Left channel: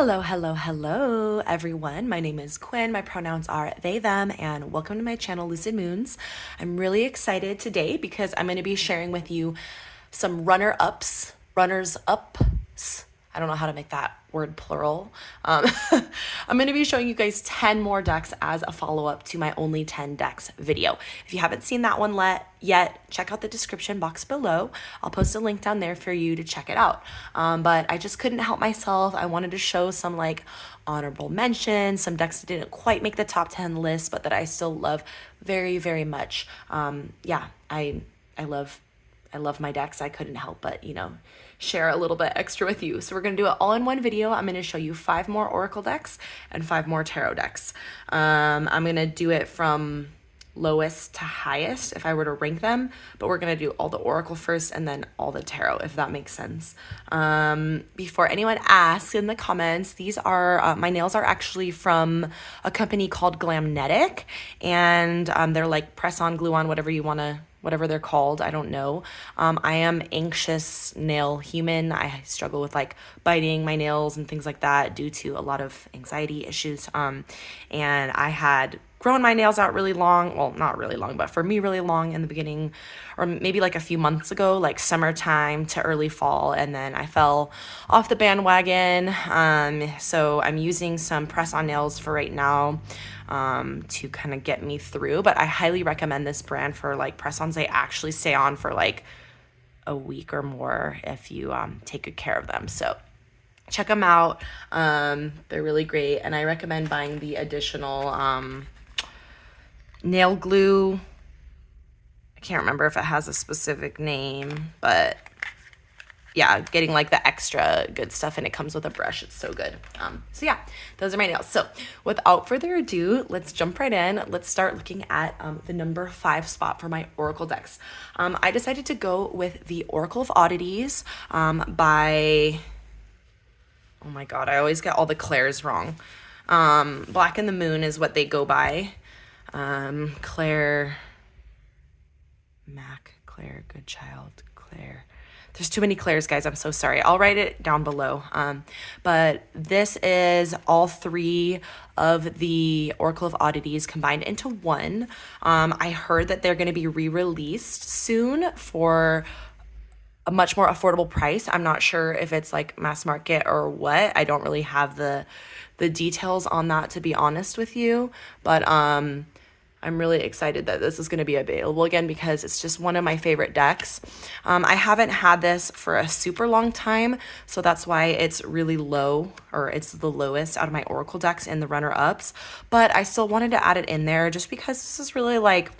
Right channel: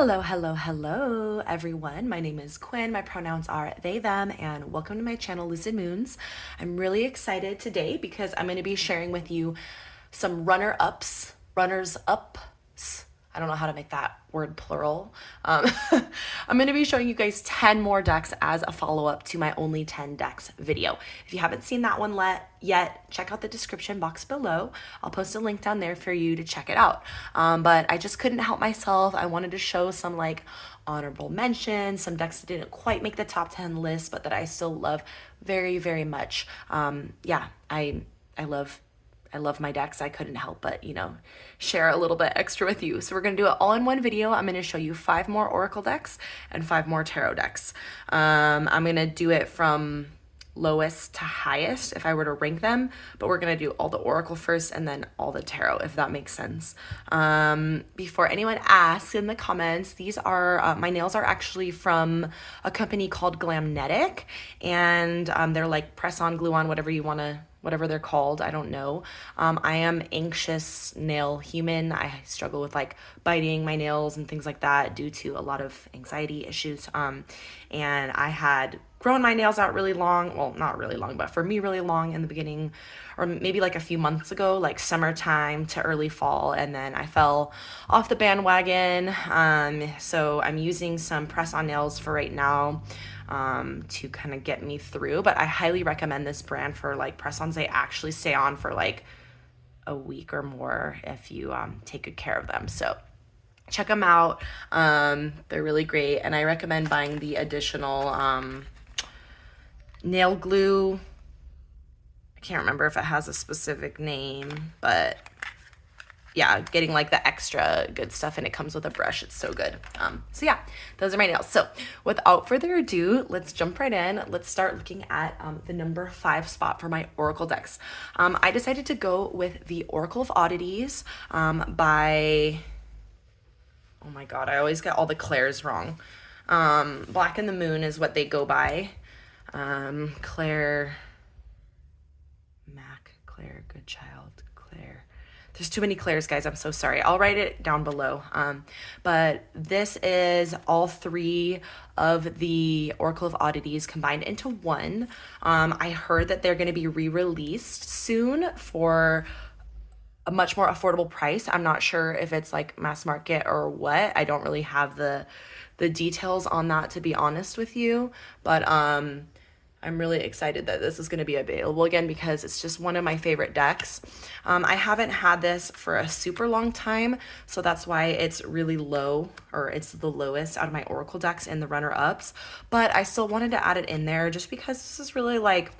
Hello, hello, hello, everyone. My name is Quinn. My pronouns are they, them, and welcome to my channel, Lucid Moons. I'm really excited today because I'm going to be sharing with you some runners-ups. I don't know how to make that word plural. I'm going to be showing you guys 10 more decks as a follow-up to my only 10 decks video. If you haven't seen that one yet, check out the description box below. I'll post a link down there for you to check it out. But I just couldn't help myself. I wanted to show some like honorable mentions, some decks that didn't quite make the top 10 list, but that I still love very, very much. Yeah, I love my decks. I couldn't help but, share a little bit extra with you. So we're going to do it all in one video. I'm going to show you 5 more Oracle decks and 5 more Tarot decks. I'm going to do it from lowest to highest if I were to rank them, but we're going to do all the Oracle first and then all the Tarot, if that makes sense. Before anyone asks in the comments, these are, my nails are actually from a company called Glamnetic, and they're like press-on, glue-on, whatever they're called, I don't know. I am anxious nail human. I struggle with like biting my nails and things like that due to a lot of anxiety issues. And I had grown my nails out really long, well, not really long, but for me really long in the beginning, or maybe like a few months ago, like summertime to early fall, and then I fell off the bandwagon. So I'm using some press-on nails for right now to kind of get me through, but I highly recommend this brand for like press-ons. They actually stay on for like a week or more if you take good care of them. So check them out. They're really great, and I recommend buying the additional nail glue. I can't remember if it has a specific name, but yeah, getting like the extra good stuff, and it comes with a brush. It's so good. So yeah, those are my nails. So without further ado, let's jump right in. Let's start looking at the number 5 spot for my Oracle decks. I decided to go with the Oracle of Oddities by, oh my God, I always get all the Claires wrong. Black and the Moon is what they go by. Claire, Goodchild, Claire. There's too many Claires, guys. I'm so sorry. I'll write it down below. But this is all 3 of the Oracle of Oddities combined into one. I heard that they're going to be re-released soon for a much more affordable price. I'm not sure if it's like mass market or what. I don't really have the details on that, to be honest with you. But I'm really excited that this is going to be available again because it's just one of my favorite decks. I haven't had this for a super long time, so that's why it's really low, or it's the lowest out of my Oracle decks in the runner-ups. But I still wanted to add it in there just because this is really like,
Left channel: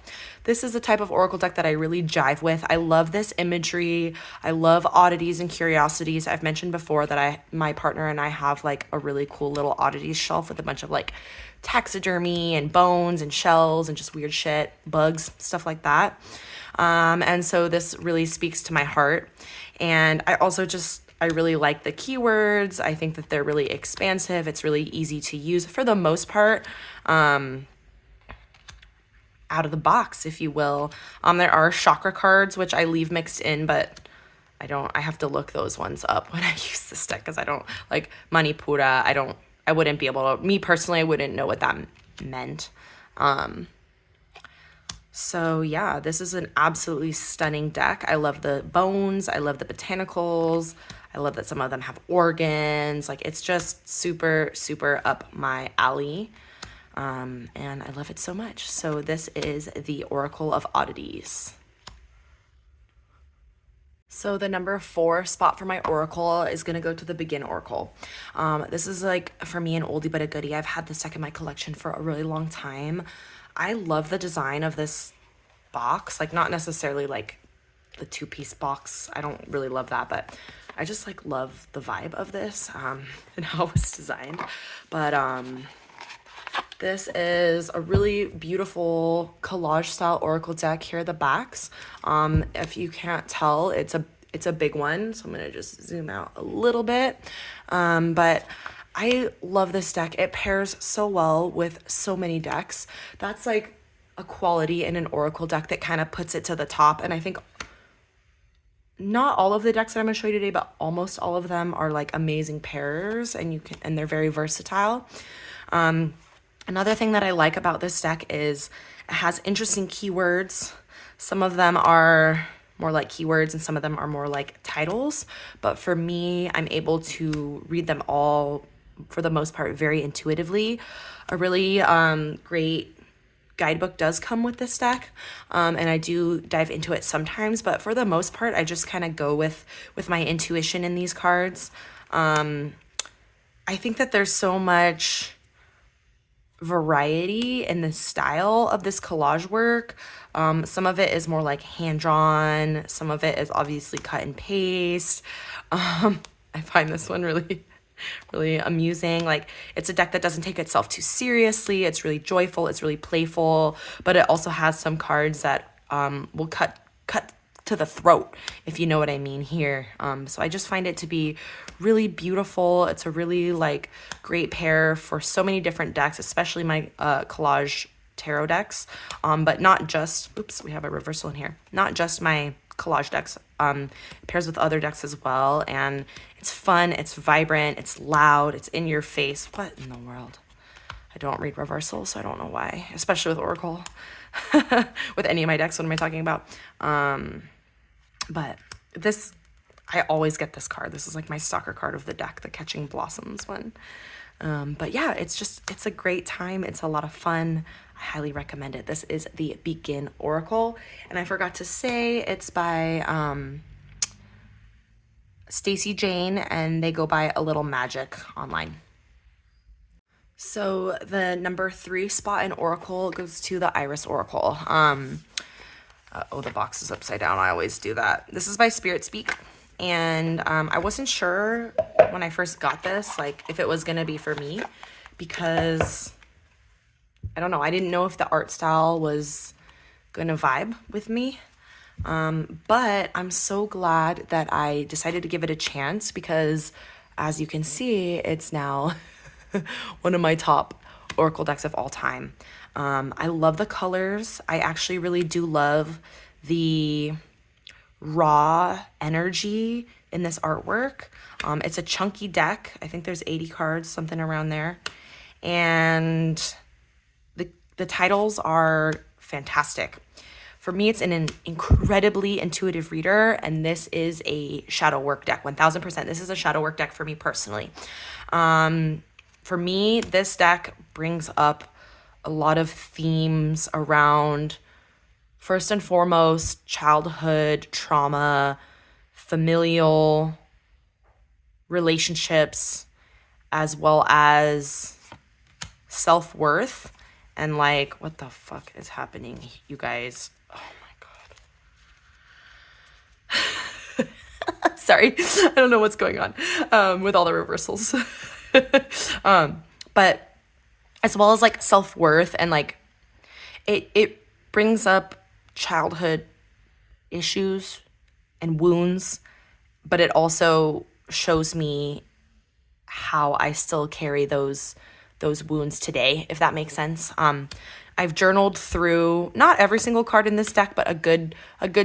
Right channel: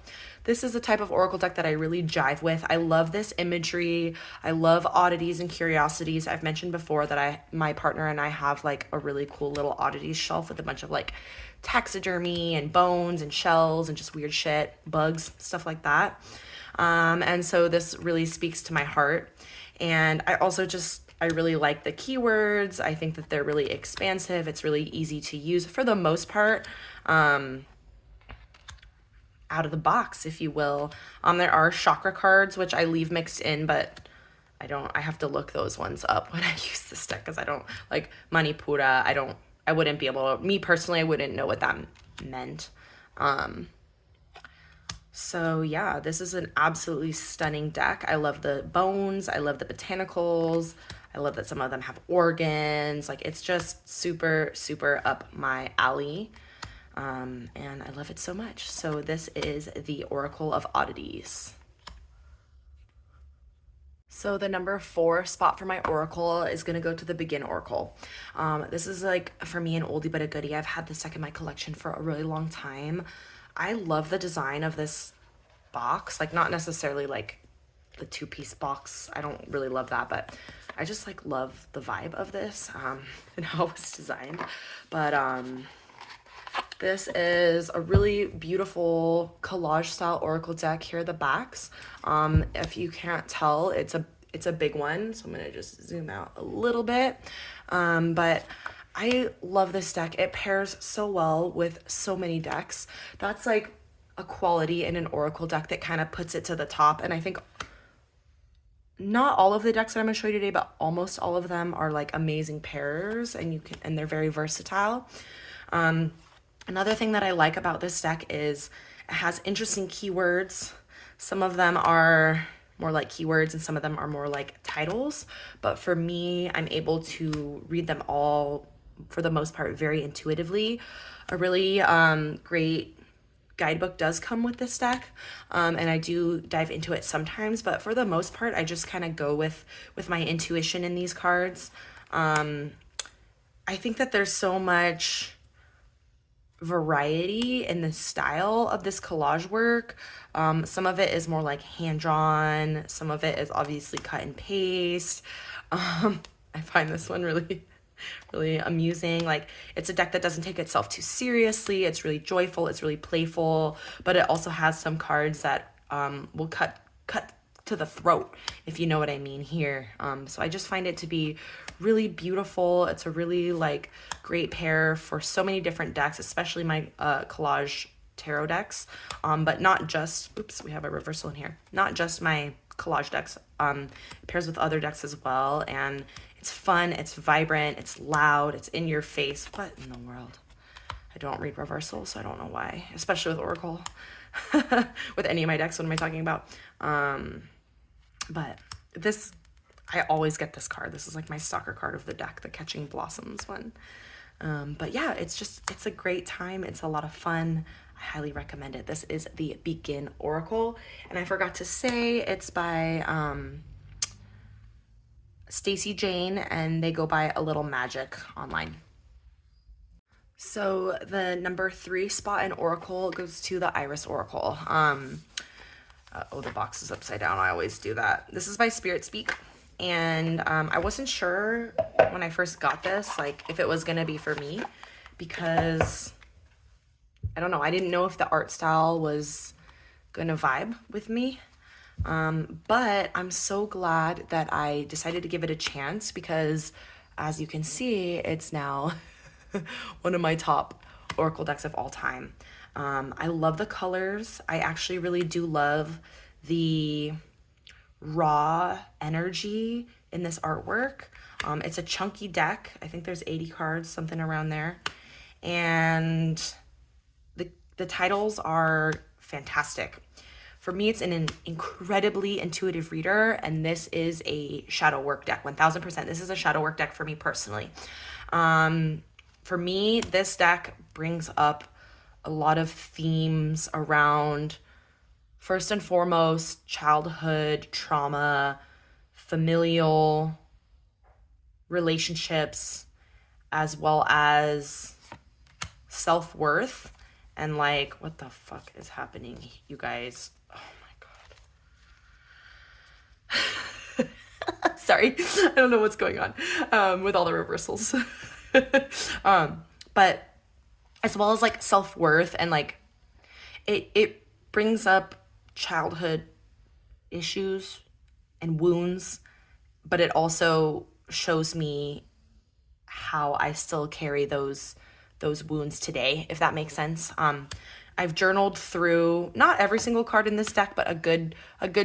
this is the type of Oracle deck that I really jive with. I love this imagery. I love oddities and curiosities. I've mentioned before that my partner and I have like a really cool little oddities shelf with a bunch of like taxidermy and bones and shells and just weird shit, bugs, stuff like that. And so this really speaks to my heart. And I also I really like the keywords. I think that they're really expansive. It's really easy to use for the most part, out of the box, if you will. There are chakra cards, which I leave mixed in, but I have to look those ones up when I use this deck because I don't like Manipura. I wouldn't be able to, me personally, I wouldn't know what that meant. So yeah, this is an absolutely stunning deck. I love the bones. I love the botanicals. I love that some of them have organs. Like, it's just super, super up my alley. And I love it so much. So this is the Oracle of Oddities. So the number 4 spot for my Oracle is going to go to the Begin Oracle. This is like, for me, an oldie but a goodie. I've had this deck in my collection for a really long time. I love the design of this box. Like, not necessarily like the 2-piece box. I don't really love that, but I just like love the vibe of this and how it was designed. But this is a really beautiful collage style Oracle deck. Here are the backs. If you can't tell, it's a big one, so I'm gonna just zoom out a little bit. But I love this deck. It pairs so well with so many decks. That's like a quality in an Oracle deck that kind of puts it to the top. And I think not all of the decks that I'm going to show you today, but almost all of them are like amazing pairs, and they're very versatile. Another thing that I like about this deck is it has interesting keywords. Some of them are more like keywords and some of them are more like titles, but for me, I'm able to read them all for the most part very intuitively. A really great guidebook does come with this deck, and I do dive into it sometimes, but for the most part I just kind of go with my intuition in these cards. I think that there's so much variety in the style of this collage work. Some of it is more like hand-drawn, some of it is obviously cut and paste. I find this one really amusing. Like, it's a deck that doesn't take itself too seriously. It's really joyful, it's really playful, but it also has some cards that will cut to the throat, if you know what I mean here. So I just find it to be really beautiful. It's a really like great pair for so many different decks, especially my collage tarot decks, but not just, oops, we have a reversal in here, not just my collage decks. It pairs with other decks as well, and it's fun, it's vibrant, it's loud, it's in your face. What in the world? I don't read reversals, so I don't know why, especially with Oracle. With any of my decks, what am I talking about? But this, I always get this card. This is like my stalker card of the deck, the Catching Blossoms one. But yeah, it's a great time. It's a lot of fun. I highly recommend it. This is the Begin Oracle, and I forgot to say it's by Stacy Jane, and they go by A Little Magic online. So the number 3 spot in Oracle goes to the Iris Oracle. Oh, the box is upside down. I always do that. This is by Spirit Speak, and I wasn't sure when I first got this, like, if it was gonna be for me, because I don't know, I didn't know if the art style was gonna vibe with me. But I'm so glad that I decided to give it a chance, because as you can see, it's now one of my top Oracle decks of all time. I love the colors. I actually really do love the raw energy in this artwork. It's a chunky deck. I think there's 80 cards, something around there. And the titles are fantastic. For me, it's an incredibly intuitive reader, and this is a shadow work deck, 1000%. This is a shadow work deck for me personally. For me, this deck brings up a lot of themes around, first and foremost, childhood trauma, familial relationships, as well as self-worth. And like, what the fuck is happening, you guys? Oh my God. Sorry, I don't know what's going on with all the reversals. But as well as like self-worth, and like it brings up childhood issues and wounds, but it also shows me how I still carry those wounds today, if that makes sense. I've journaled through not every single card in this deck, but a good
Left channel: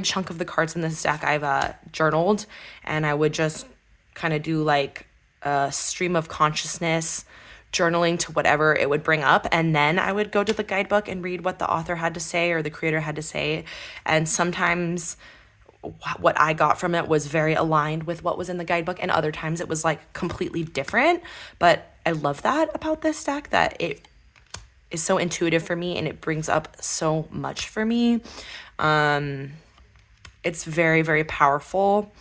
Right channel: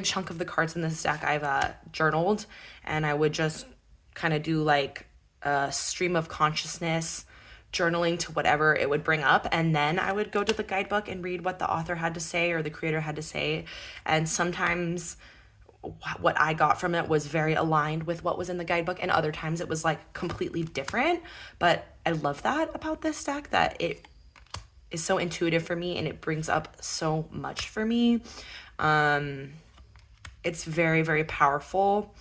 chunk of the cards in this deck I've journaled, and I would just kind of do like a stream of consciousness journaling to whatever it would bring up, and then I would go to the guidebook and read what the author had to say or the creator had to say. And sometimes what I got from it was very aligned with what was in the guidebook, and other times it was like completely different. But I love that about this deck, that it is so intuitive for me and it brings up so much for me. It's very, very powerful,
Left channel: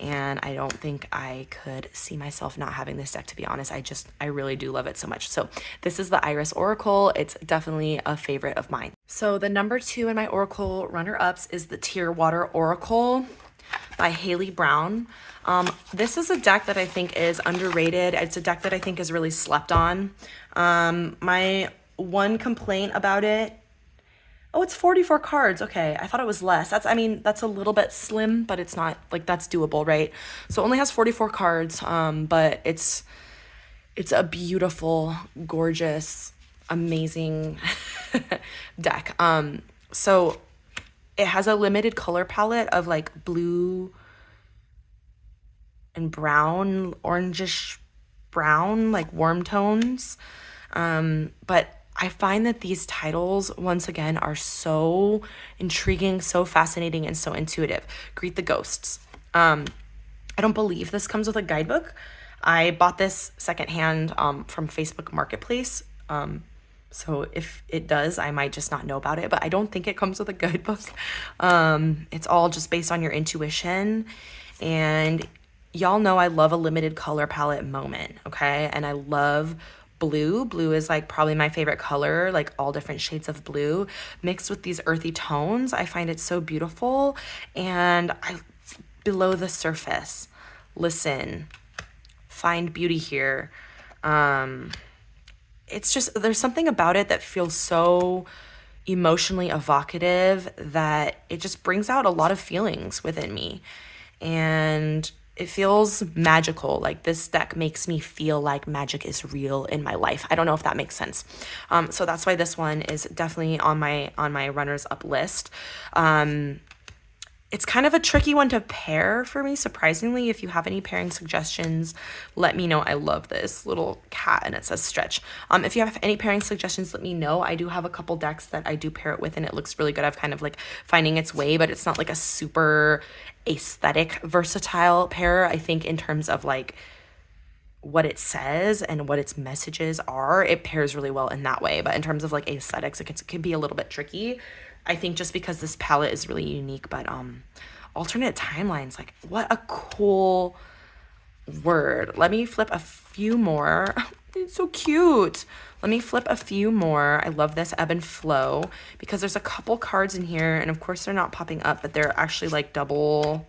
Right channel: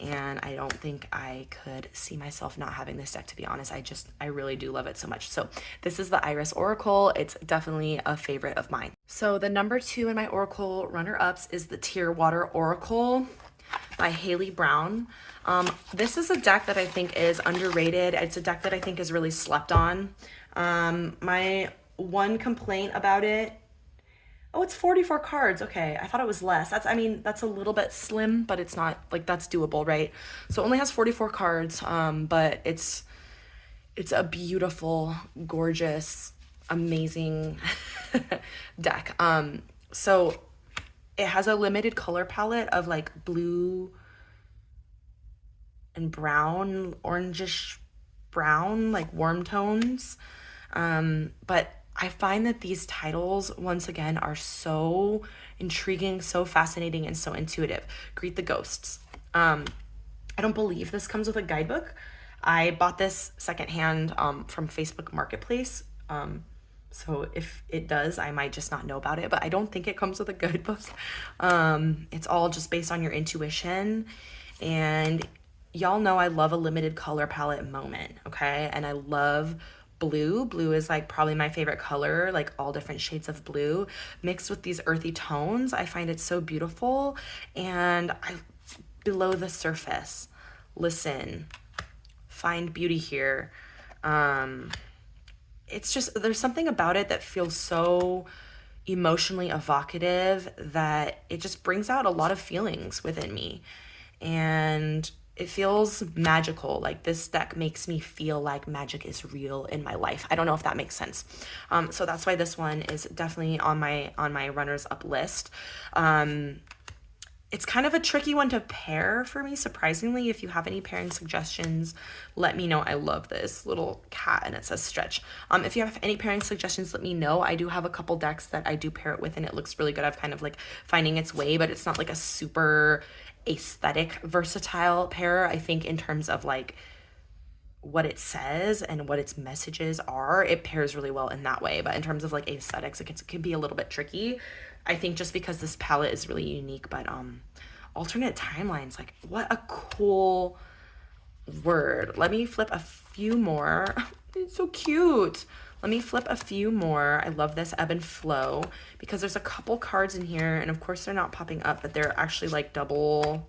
and I don't think I could see myself not having this deck, to be honest. I really do love it so much. So this is the Iris Oracle. It's definitely a favorite of mine. So the number 2 in my Oracle runner-ups is the Tearwater Oracle by Haley Brown. This is a deck that I think is underrated. It's a deck that I think is really slept on. My one complaint about it, oh, it's 44 cards. Okay, I thought it was less. That's a little bit slim, but it's not, like, that's doable, right? So it only has 44 cards, but it's a beautiful, gorgeous, amazing deck. So it has a limited color palette of like blue, and brown, orangish brown, like warm tones. But I find that these titles, once again, are so intriguing, so fascinating, and so intuitive. Greet the Ghosts. I don't believe this comes with a guidebook. I bought this secondhand from Facebook Marketplace. So if it does, I might just not know about it, but I don't think it comes with a guidebook. It's all just based on your intuition. And y'all know I love a limited color palette moment, okay? And I love blue. Blue is like probably my favorite color, like all different shades of blue mixed with these earthy tones. I find it so beautiful. And below the surface, listen, find beauty here. It's just, there's something about it that feels so emotionally evocative that it just brings out a lot of feelings within me. And it feels magical. Like this deck makes me feel like magic is real in my life. I don't know if that makes sense. So that's why this one is definitely on my runners up list. It's kind of a tricky one to pair for me, surprisingly. If you have any pairing suggestions, let me know. I love this little cat and it says stretch. If you have any pairing suggestions, let me know. I do have a couple decks that I do pair it with and it looks really good. I've kind of like finding its way, but it's not like a super aesthetic versatile pair. I think in terms of like what it says and what its messages are, it pairs really well in that way. But in terms of like aesthetics, it can be a little bit tricky. I think just because this palette is really unique, but alternate timelines, like what a cool word. Let me flip a few more. It's so cute. Let me flip a few more. I love this ebb and flow because there's a couple cards in here and of course they're not popping up, but they're actually like double,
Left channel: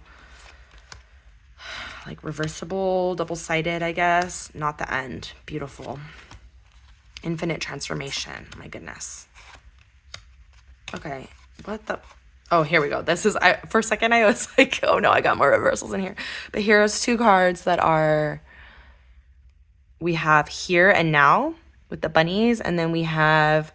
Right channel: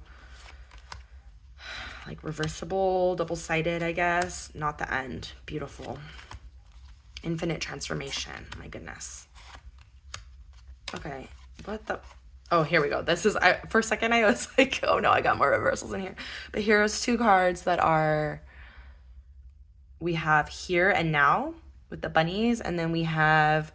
like reversible, double-sided, I guess. Not the end. Beautiful. Infinite transformation. My goodness. Okay, what the, oh, here we go. This is, for a second I was like, oh no, I got more reversals in here. But here's two cards that are, we have Here and Now with the bunnies, and then we have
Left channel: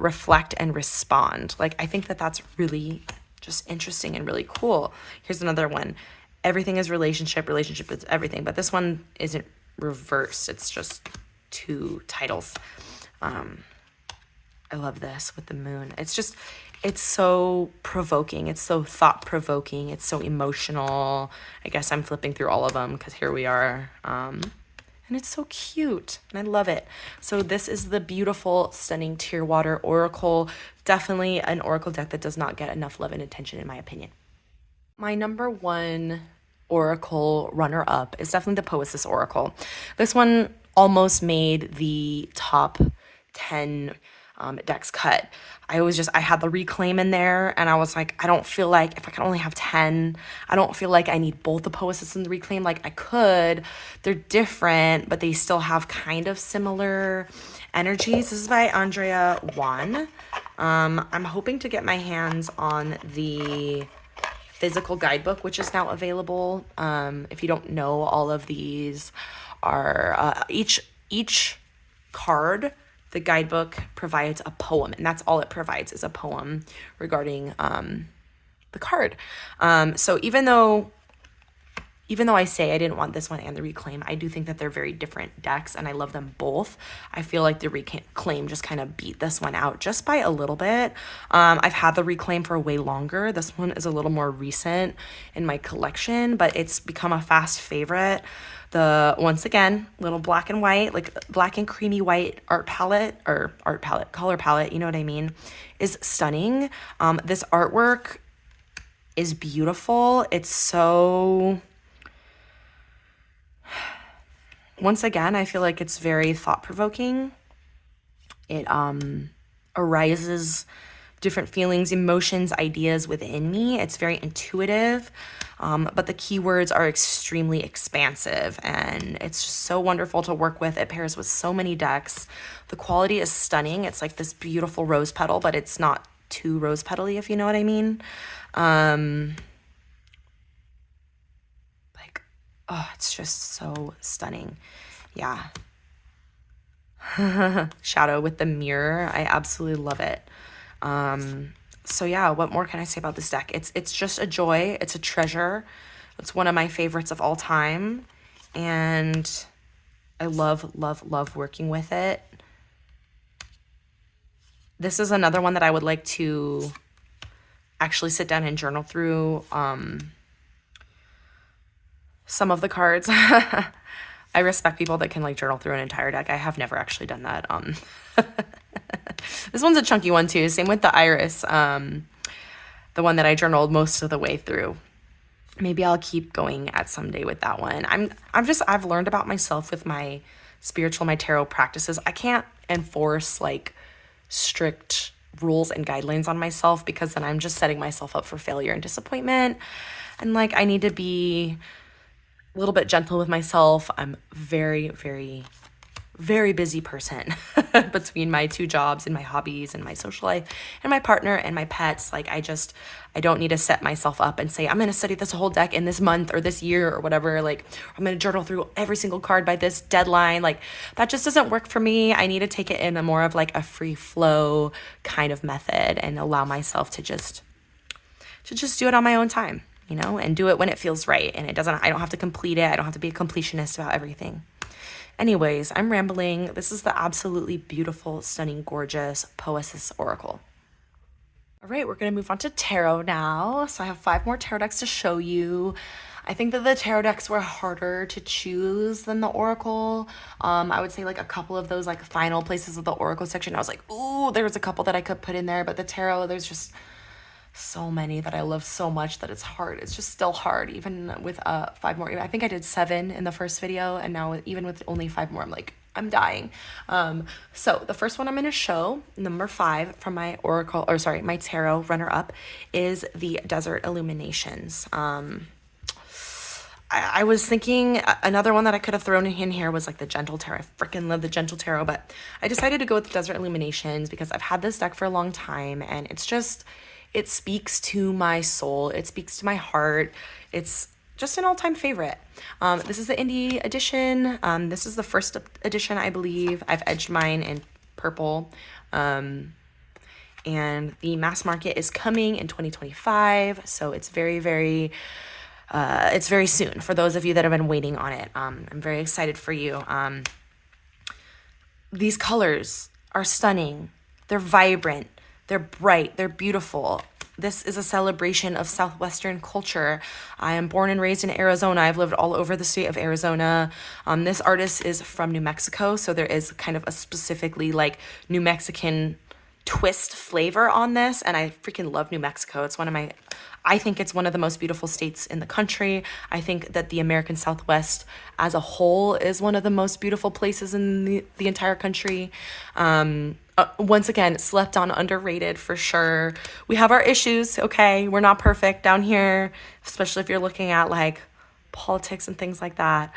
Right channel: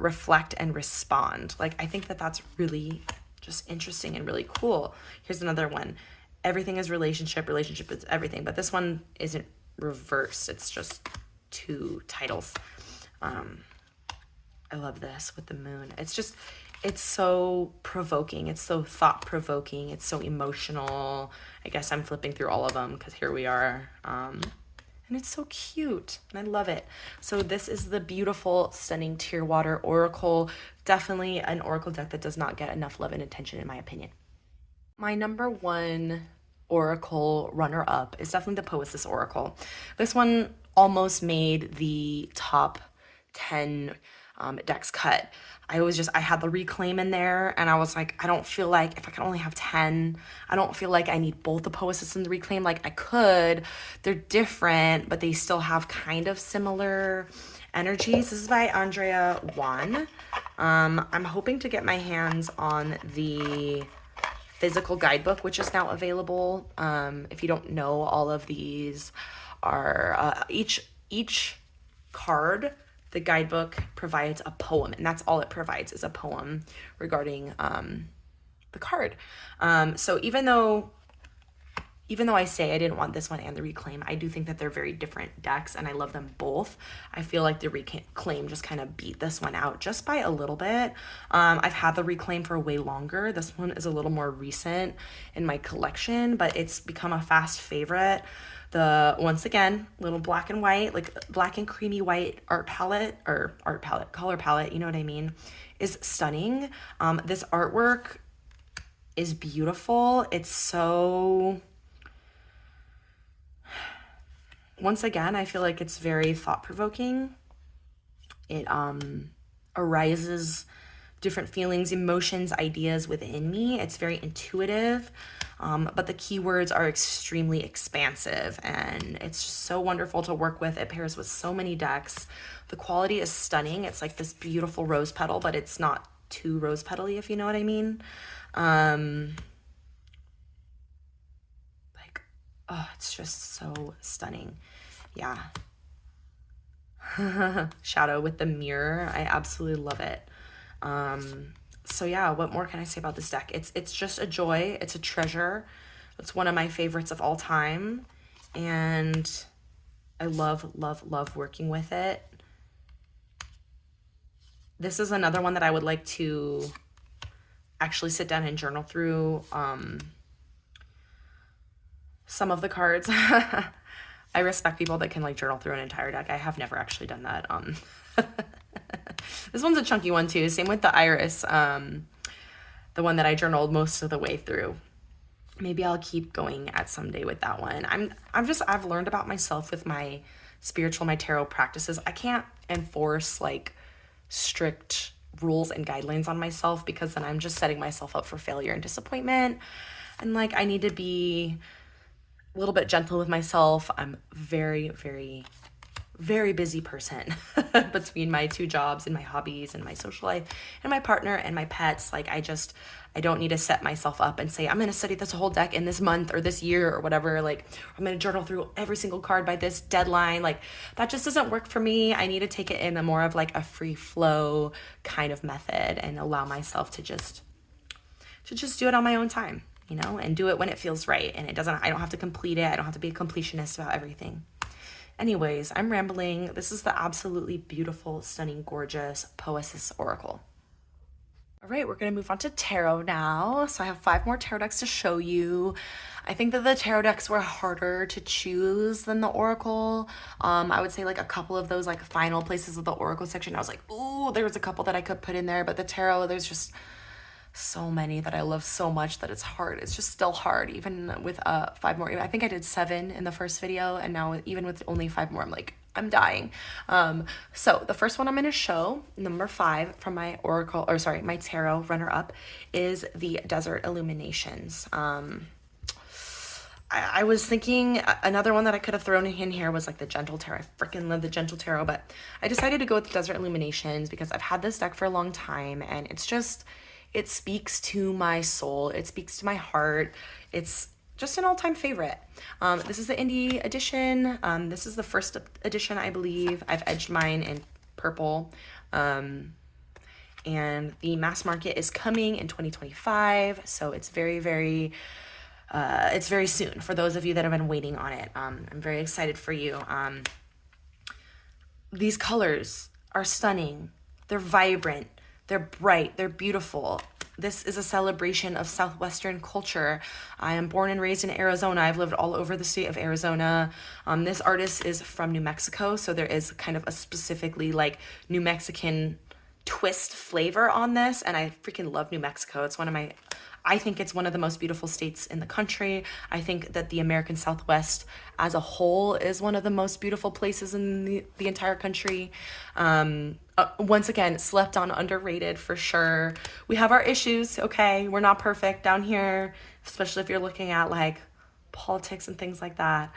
Reflect and Respond. Like, I think that that's really just interesting and really cool. Here's another one. Everything is relationship, relationship is everything. But this one isn't reversed. It's just two titles. I love this with the moon. It's just, it's so provoking. It's so thought-provoking. It's so emotional. I guess I'm flipping through all of them because here we are. And it's so cute and I love it. So this is the beautiful, stunning Tearwater Oracle. Definitely an Oracle deck that does not get enough love and attention in my opinion. My number one Oracle runner-up is definitely the Poesis Oracle. This one almost made the top 10 decks cut. I had the Reclaim in there and I was like, I don't feel like if I can only have 10, I don't feel like I need both the Poesis and the Reclaim. Like I could, they're different, but they still have kind of similar energies. This is by Andrea Juan. I'm hoping to get my hands on the physical guidebook, which is now available. If you don't know, all of these are, each card, the guidebook provides a poem, and that's all it provides is a poem regarding the card. So even though I say I didn't want this one and the Reclaim, I do think that they're very different decks and I love them both. I feel like the Reclaim just kind of beat this one out just by a little bit. I've had the Reclaim for way longer. This one is a little more recent in my collection, but it's become a fast favorite. The, once again, little black and white, like black and creamy white color palette, you know what I mean, is stunning. This artwork is beautiful. It's so, once again, I feel like it's very thought-provoking. It arises different feelings, emotions, ideas within me. It's very intuitive. But the keywords are extremely expansive and it's just so wonderful to work with. It pairs with so many decks. The quality is stunning. It's like this beautiful rose petal, but it's not too rose petal-y, if you know what I mean. Like, oh, it's just so stunning. Yeah. Shadow with the mirror. I absolutely love it. So yeah, what more can I say about this deck? It's just a joy. It's a treasure. It's one of my favorites of all time, and I love, love, love working with it. This is another one that I would like to actually sit down and journal through some of the cards. I respect people that can like journal through an entire deck. I have never actually done that. This one's a chunky one too. Same with the Iris, the one that I journaled most of the way through. Maybe I'll keep going at some day with that one. I've learned about myself with my my tarot practices. I can't enforce like strict rules and guidelines on myself, because then I'm just setting myself up for failure and disappointment. And like, I need to be a little bit gentle with myself. I'm very, very, very busy person between my 2 jobs and my hobbies and my social life and my partner and my pets. Like, I don't need to set myself up and say, I'm going to study this whole deck in this month or this year or whatever. Like, I'm going to journal through every single card by this deadline. Like, that just doesn't work for me. I need to take it in a more of like a free flow kind of method and allow myself to just do it on my own time, you know, and do it when it feels right. And I don't have to complete it. I don't have to be a completionist about everything. Anyways, I'm rambling. This is the absolutely beautiful, stunning, gorgeous Poesis Oracle. All right, we're going to move on to tarot now. So I have 5 more tarot decks to show you. I think that the tarot decks were harder to choose than the Oracle. I would say like a couple of those like final places of the Oracle section, I was like, ooh, there's a couple that I could put in there. But the tarot, there's just so many that I love so much that it's hard. It's just still hard, even with 5 more. I think I did 7 in the first video, and now even with only 5 more, I'm like, I'm dying. So the first one I'm going to show, number 5 from my Oracle, or sorry, my tarot runner-up, is the Desert Illuminations. I was thinking another one that I could have thrown in here was like the Gentle Tarot. I freaking love the Gentle Tarot, but I decided to go with the Desert Illuminations because I've had this deck for a long time, and it's just, it speaks to my soul. It speaks to my heart. It's just an all-time favorite. This is the indie edition. This is the first edition, I believe. I've edged mine in purple. And the mass market is coming in 2025. So it's very, very, it's very soon for those of you that have been waiting on it. I'm very excited for you. These colors are stunning. They're vibrant. They're bright. They're beautiful. This is a celebration of Southwestern culture. I am born and raised in Arizona. I've lived all over the state of Arizona. This artist is from New Mexico, so there is kind of a specifically like New Mexican twist flavor on this, and I freaking love New Mexico. It's I think it's one of the most beautiful states in the country. I think that the American Southwest as a whole is one of the most beautiful places in the entire country. Once again, slept on, underrated for sure. We have our issues, okay? We're not perfect down here, especially if you're looking at like politics and things like that.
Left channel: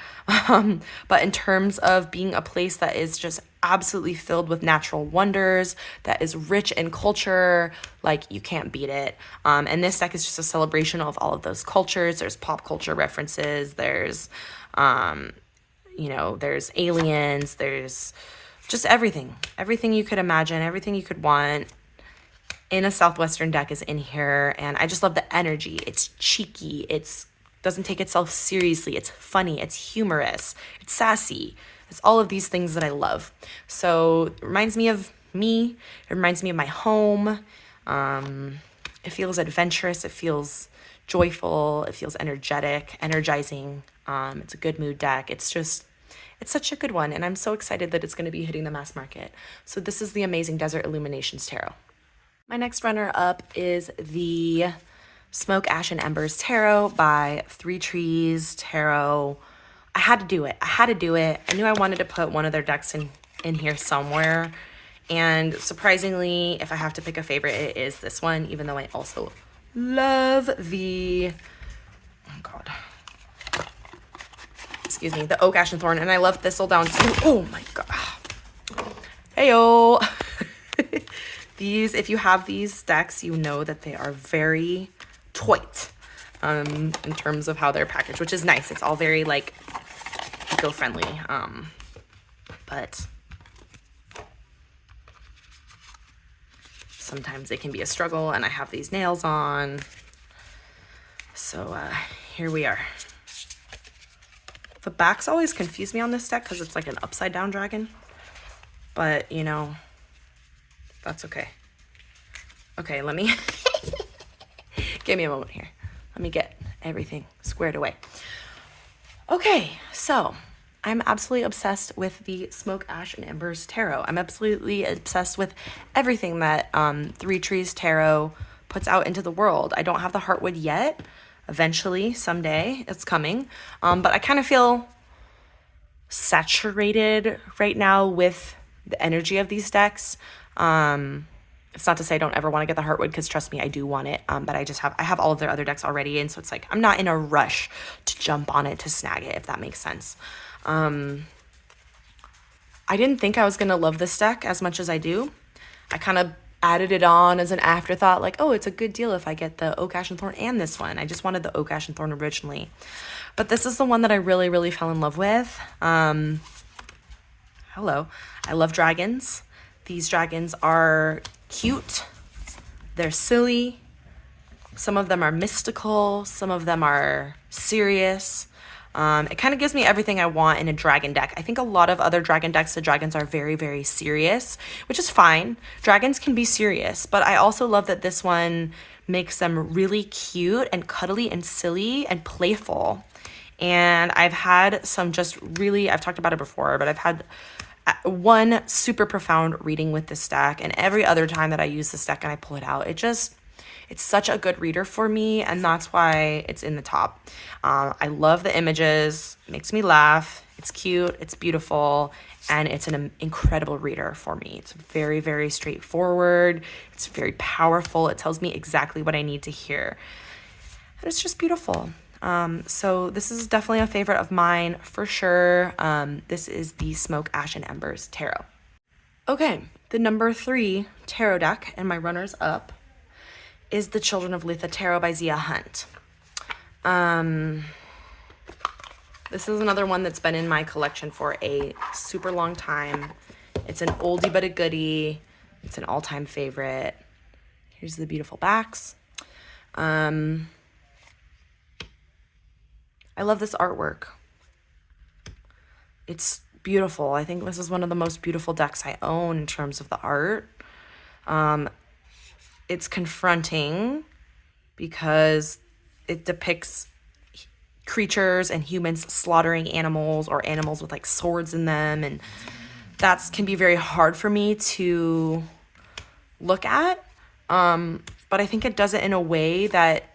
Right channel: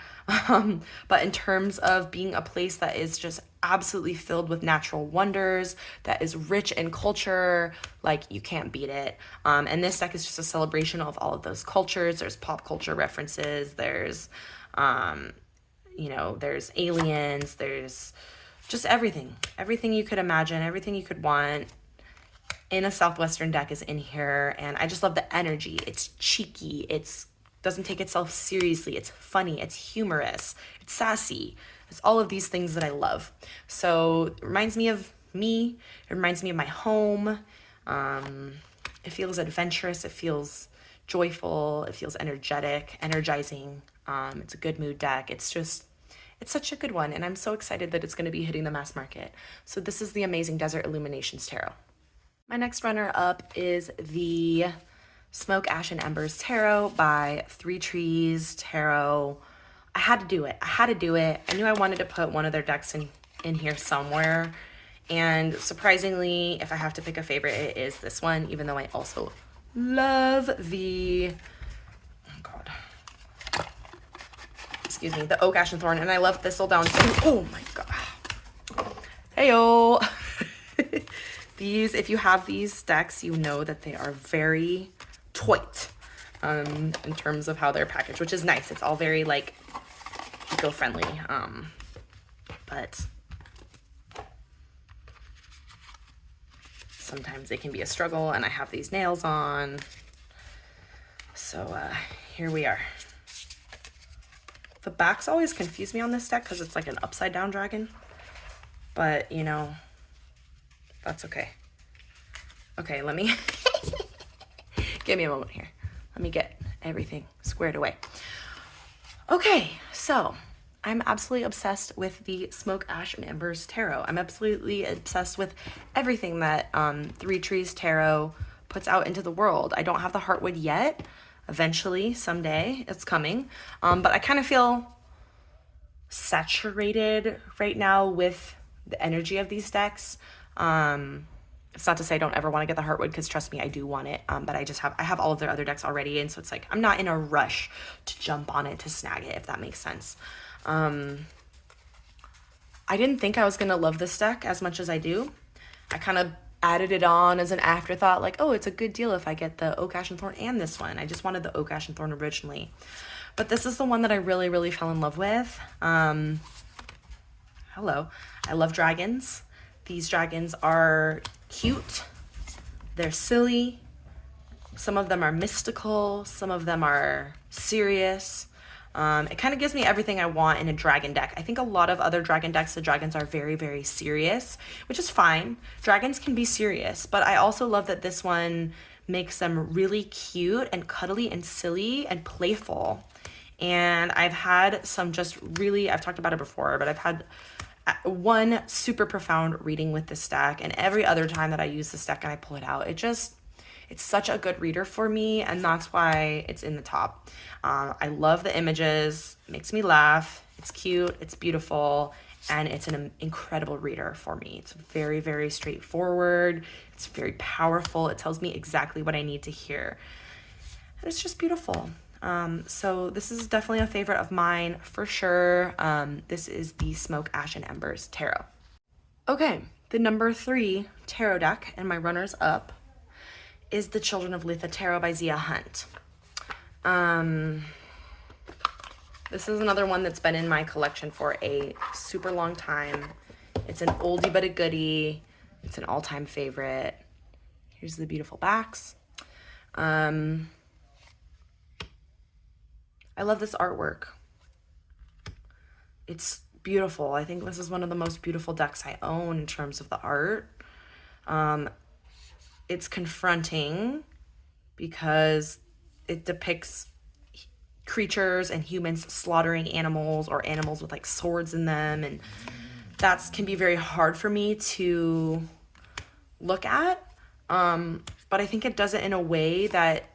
But in terms of being a place that is just absolutely filled with natural wonders, that is rich in culture, like you can't beat it. And this deck is just a celebration of all of those cultures. There's pop culture references. There's, there's aliens. There's just everything you could imagine, everything you could want in a Southwestern deck is in here. And I just love the energy. It's cheeky. It's doesn't take itself seriously. It's funny. It's humorous. It's sassy. It's all of these things that I love. So it reminds me of me. It reminds me of my home. It feels adventurous. It feels joyful. It feels energetic, energizing. It's a good mood deck. It's such a good one. And I'm so excited that it's going to be hitting the mass market. So this is the amazing Desert Illuminations Tarot. My next runner up is the Smoke, Ash, and Embers Tarot by 3 Trees Tarot. I had to do it. I knew I wanted to put one of their decks in here somewhere. And surprisingly, if I have to pick a favorite, it is this one, even though I also love the, the Oak, Ash, and Thorn. And I love Thistledown too. Oh my God. Heyo. These, if you have these decks, you know that they are very toit in terms of how they're packaged, which is nice. It's all very like eco-friendly, but sometimes it can be a struggle, and I have these nails on, so here we are. The backs always confuse me on this deck because it's like an upside down dragon. But, you know, that's okay. Okay, let me... Give me a moment here. Let me get everything squared away. Okay, so I'm absolutely obsessed with the Smoke, Ash, and Embers Tarot. I'm absolutely obsessed with everything that Three Trees Tarot puts out into the world. I don't have the Heartwood yet. Eventually, someday, it's coming. But I kind of feel saturated right now with the energy of these decks. It's not to say I don't ever want to get the Heartwood, because trust me, I do want it. But I have all of their other decks already, and so it's like I'm not in a rush to jump on it to snag it, if that makes sense. I didn't think I was gonna love this deck as much as I do. I kind of added it on as an afterthought, like, oh, it's a good deal if I get the Oak, Ash, and Thorn and this one. I just wanted the Oak, Ash, and Thorn originally, but this is the one that I really, really fell in love with. Hello, I love dragons. These dragons are cute, they're silly, some of them are mystical, some of them are serious. It kind of gives me everything I want in a dragon deck. I think a lot of other dragon decks, the dragons are very, very serious, which is fine. Dragons can be serious, but I also love that this one makes them really cute and cuddly and silly and playful. And I've had some just really, I've talked about it before, but I've had one super profound reading with this deck, and every other time that I use this deck and I pull it out, it's such a good reader for me, and that's why it's in the top. I love the images, it makes me laugh, it's cute, it's beautiful, and it's an incredible reader for me. It's very, very straightforward, it's very powerful, it tells me exactly what I need to hear, and it's just beautiful. So this is definitely a favorite of mine for sure. This is the Smoke, Ash, and Embers Tarot. Okay, the number 3 tarot deck and my runners up is the Children of Litha Tarot by Zia Hunt. This is another one that's been in my collection for a super long time. It's an oldie but a goodie. It's an all-time favorite. Here's the beautiful backs. I love this artwork. It's beautiful. I think this is one of the most beautiful decks I own in terms of the art. It's confronting because it depicts creatures and humans slaughtering animals, or animals with like swords in them, and that can be very hard for me to look at. But I think it does it in a way that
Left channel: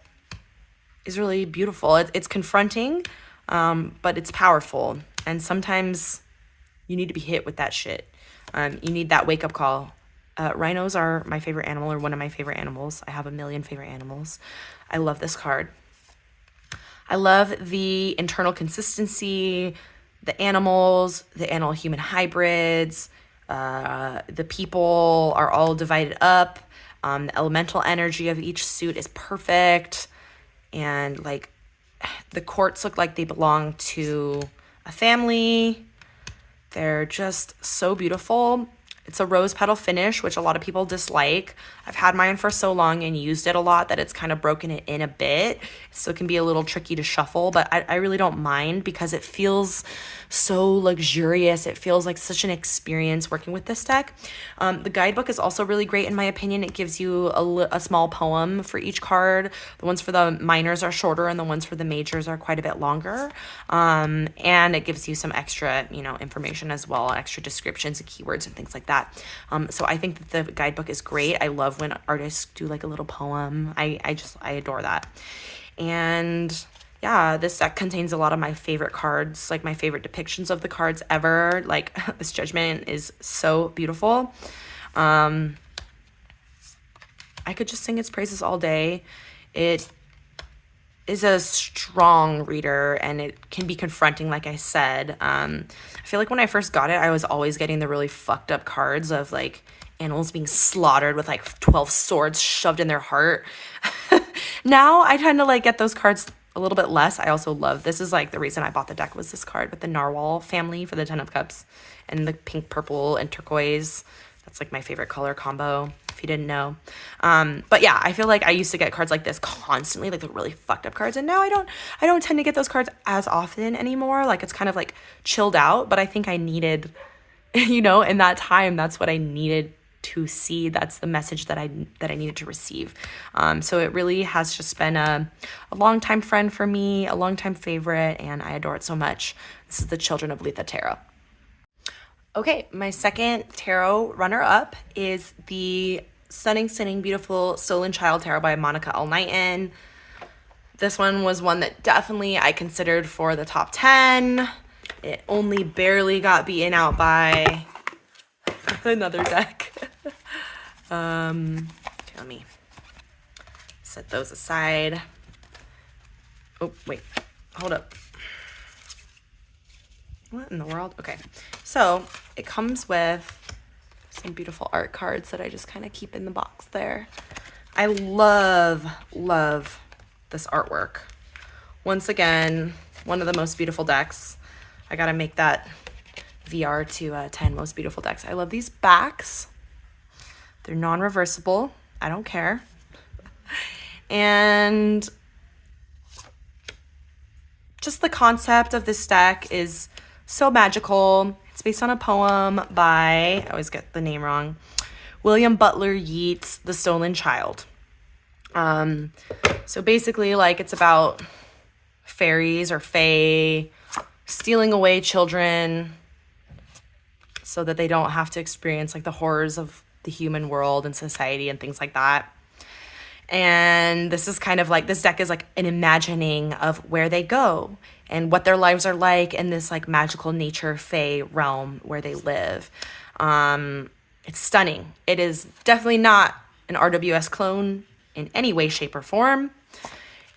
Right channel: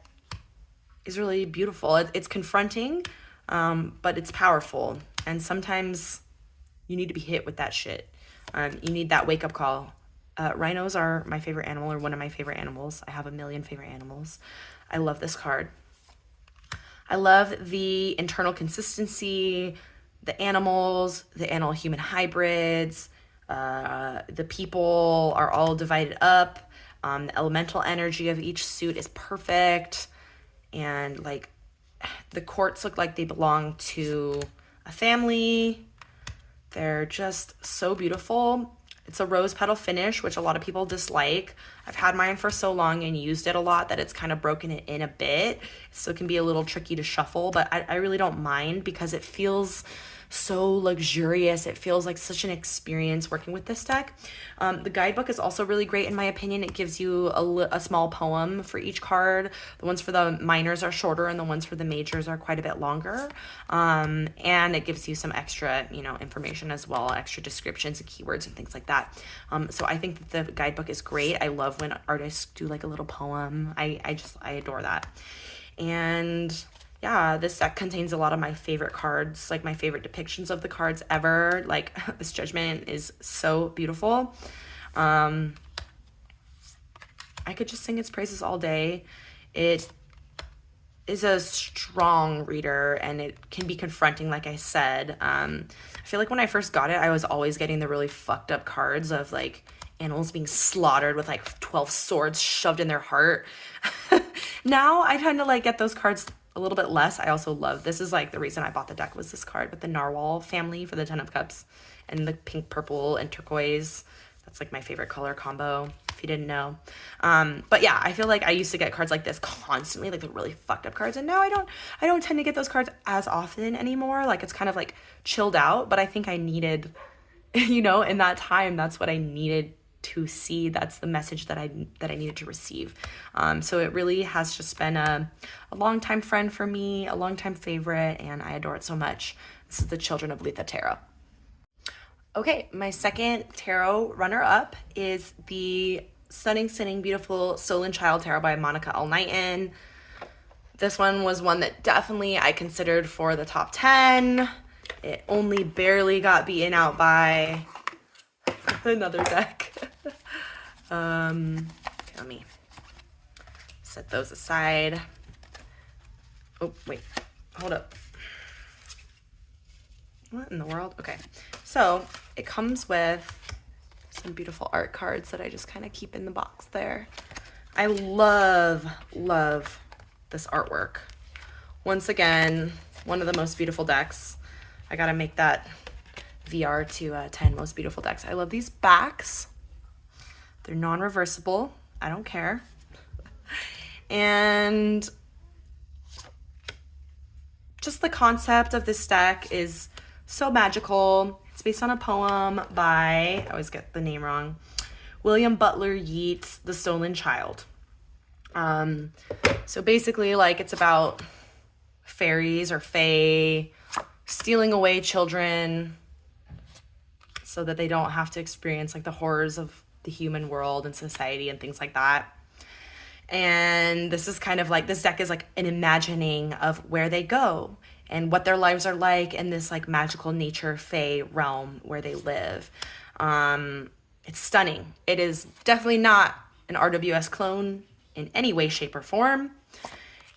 is really beautiful. It's confronting, but it's powerful, and sometimes you need to be hit with that shit. You need that wake-up call. Rhinos are my favorite animal, or one of my favorite animals. I have a million favorite animals. I love this card. I love the internal consistency, the animals, the animal-human hybrids, the people are all divided up. The elemental energy of each suit is perfect. And like the courts look like they belong to a family. They're just so beautiful. It's a rose petal finish, which a lot of people dislike. I've had mine for so long and used it a lot that it's kind of broken it in a bit. So it can be a little tricky to shuffle, but I really don't mind because it feels so luxurious. It feels like such an experience working with this deck. The guidebook is also really great in my opinion. It gives you a small poem for each card. The ones for the minors are shorter and the ones for the majors are quite a bit longer. And it gives you some extra, information as well, extra descriptions and keywords and things like that. So I think that the guidebook is great. I love when artists do like a little poem. I adore that. And yeah, this deck contains a lot of my favorite cards, like my favorite depictions of the cards ever. Like this Judgment is so beautiful. I could just sing its praises all day. It is a strong reader and it can be confronting, like I said. I feel like when I first got it, I was always getting the really fucked up cards of like animals being slaughtered with like 12 swords shoved in their heart. Now I tend to like get those cards a little bit less. I also love, this is like the reason I bought the deck, was this card with the narwhal family for the 10 of cups and the pink, purple, and turquoise. That's like my favorite color combo, if you didn't know. But yeah, I feel like I used to get cards like this constantly, like the really fucked up cards. And now I don't tend to get those cards as often anymore. Like it's kind of like chilled out, but I think I needed, you know, in that time, that's what I needed to see. That's the message that I needed to receive. So it really has just been a longtime friend for me, a longtime favorite, and I adore it so much. This is the Children of Litha Tarot. Okay, my second tarot runner-up is the stunning, beautiful Stolen Child Tarot by Monica L. Knighton. This one was one that definitely I considered for the top 10. It only barely got beaten out by another deck. Let me set those aside. Oh, wait, hold up. What in the world? Okay, so it comes with some beautiful art cards that I just kind of keep in the box there. I love this artwork. Once again, one of the most beautiful decks. I gotta make that VR to 10 most beautiful decks. I love these backs. They're non-reversible. I don't care. And just the concept of this deck is so magical. It's based on a poem by, I always get the name wrong, William Butler Yeats' The Stolen Child. So basically, like, it's about fairies or fae stealing away children so that they don't have to experience like the horrors of the human world and society and things like that. And this is kind of like, this deck is like an imagining of where they go and what their lives are like in this like magical nature fae realm where they live. It's stunning. It is definitely not an RWS clone in any way, shape, or form.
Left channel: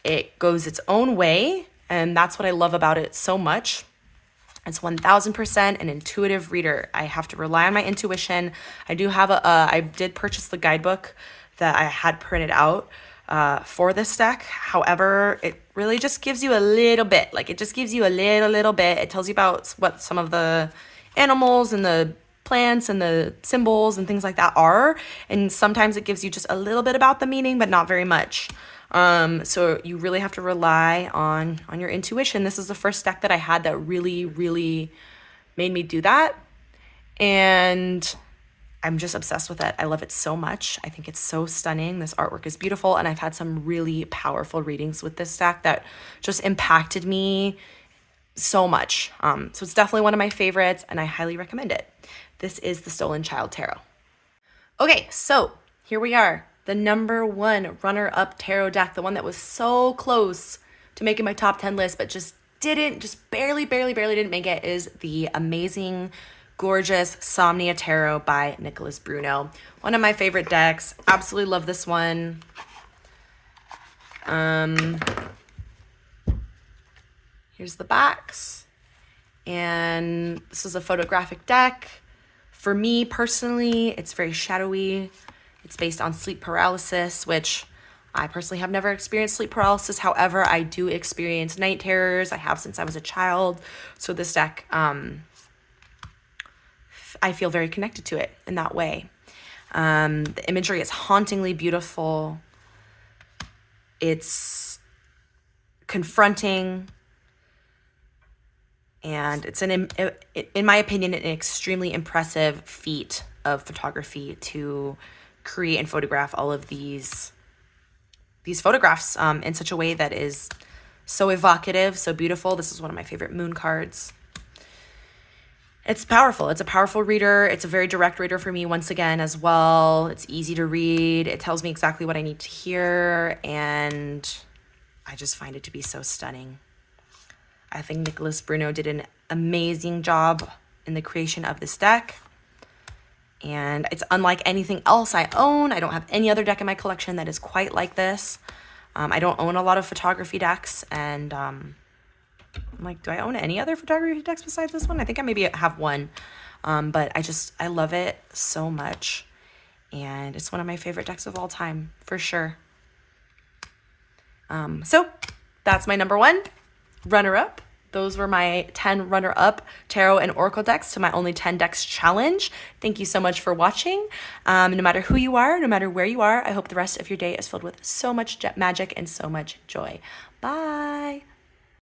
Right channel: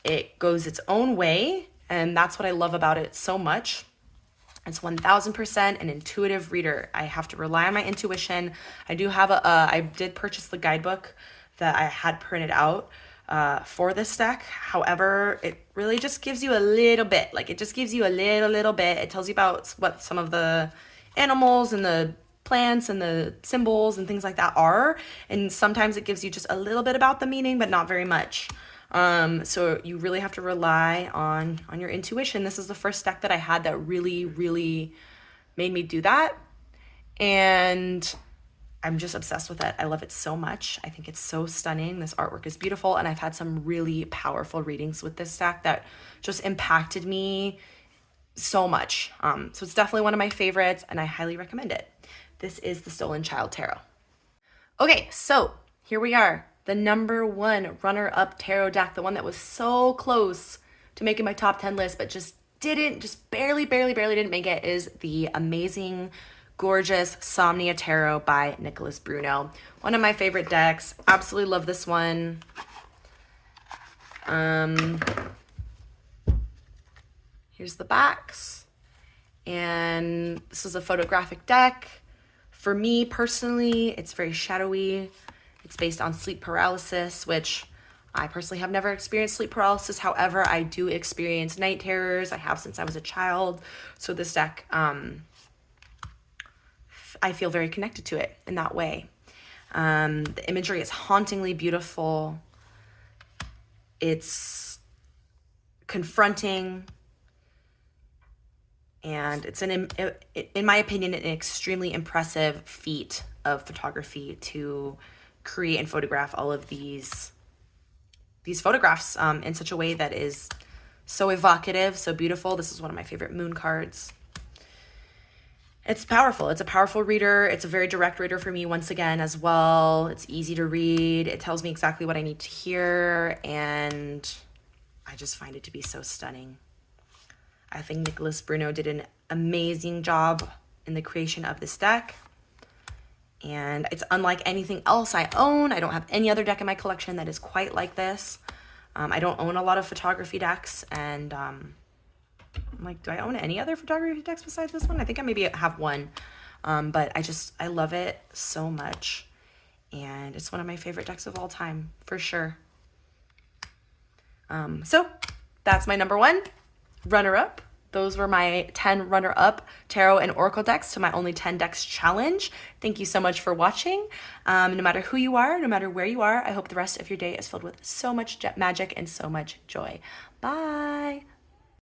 It goes its own way, and that's what I love about it so much. It's 1000% an intuitive reader. I have to rely on my intuition. I do have I did purchase the guidebook that I had printed out for this deck. However, it really just gives you a little bit. Like, it just gives you a little bit. It tells you about what some of the animals and the plants and the symbols and things like that are. And sometimes it gives you just a little bit about the meaning, but not very much. So you really have to rely on your intuition. This is the first deck that I had that really made me do that. And I'm just obsessed with it. I love it so much. I think it's so stunning. This artwork is beautiful. And I've had some really powerful readings with this deck that just impacted me so much. So it's definitely one of my favorites and I highly recommend it. This is the Stolen Child Tarot. Okay, so here we are. The number one runner-up tarot deck, the one that was so close to making my top 10 list, but just barely didn't make it, is the amazing, gorgeous Somnia Tarot by Nicolas Bruno. One of my favorite decks. Absolutely love this one. Here's the backs. And this is a photographic deck. For me personally, it's very shadowy. It's based on sleep paralysis, which I personally have never experienced sleep paralysis. However, I do experience night terrors. I have since I was a child. So this deck, I feel very connected to it in that way. The imagery is hauntingly beautiful. It's confronting. And it's, in my opinion, an extremely impressive feat of photography to create and photograph all of these photographs in such a way that is so evocative, so beautiful. This is one of my favorite moon cards. It's powerful. It's a powerful reader. It's a very direct reader for me once again as well. It's easy to read. It tells me exactly what I need to hear, and I just find it to be so stunning. I think Nicolas Bruno did an amazing job in the creation of this deck. And it's unlike anything else I own. I don't have any other deck in my collection that is quite like this. I don't own a lot of photography decks. And I'm like, do I own any other photography decks besides this one? I think I maybe have one. But I love it so much. And it's one of my favorite decks of all time, for sure. So that's my number one runner-up. those were my 10 runner-up tarot and oracle decks to my only 10 decks challenge. Thank you so much for watching. No matter who you are, no matter where you are, I hope the rest of your day is filled with so much magic and so much joy. Bye.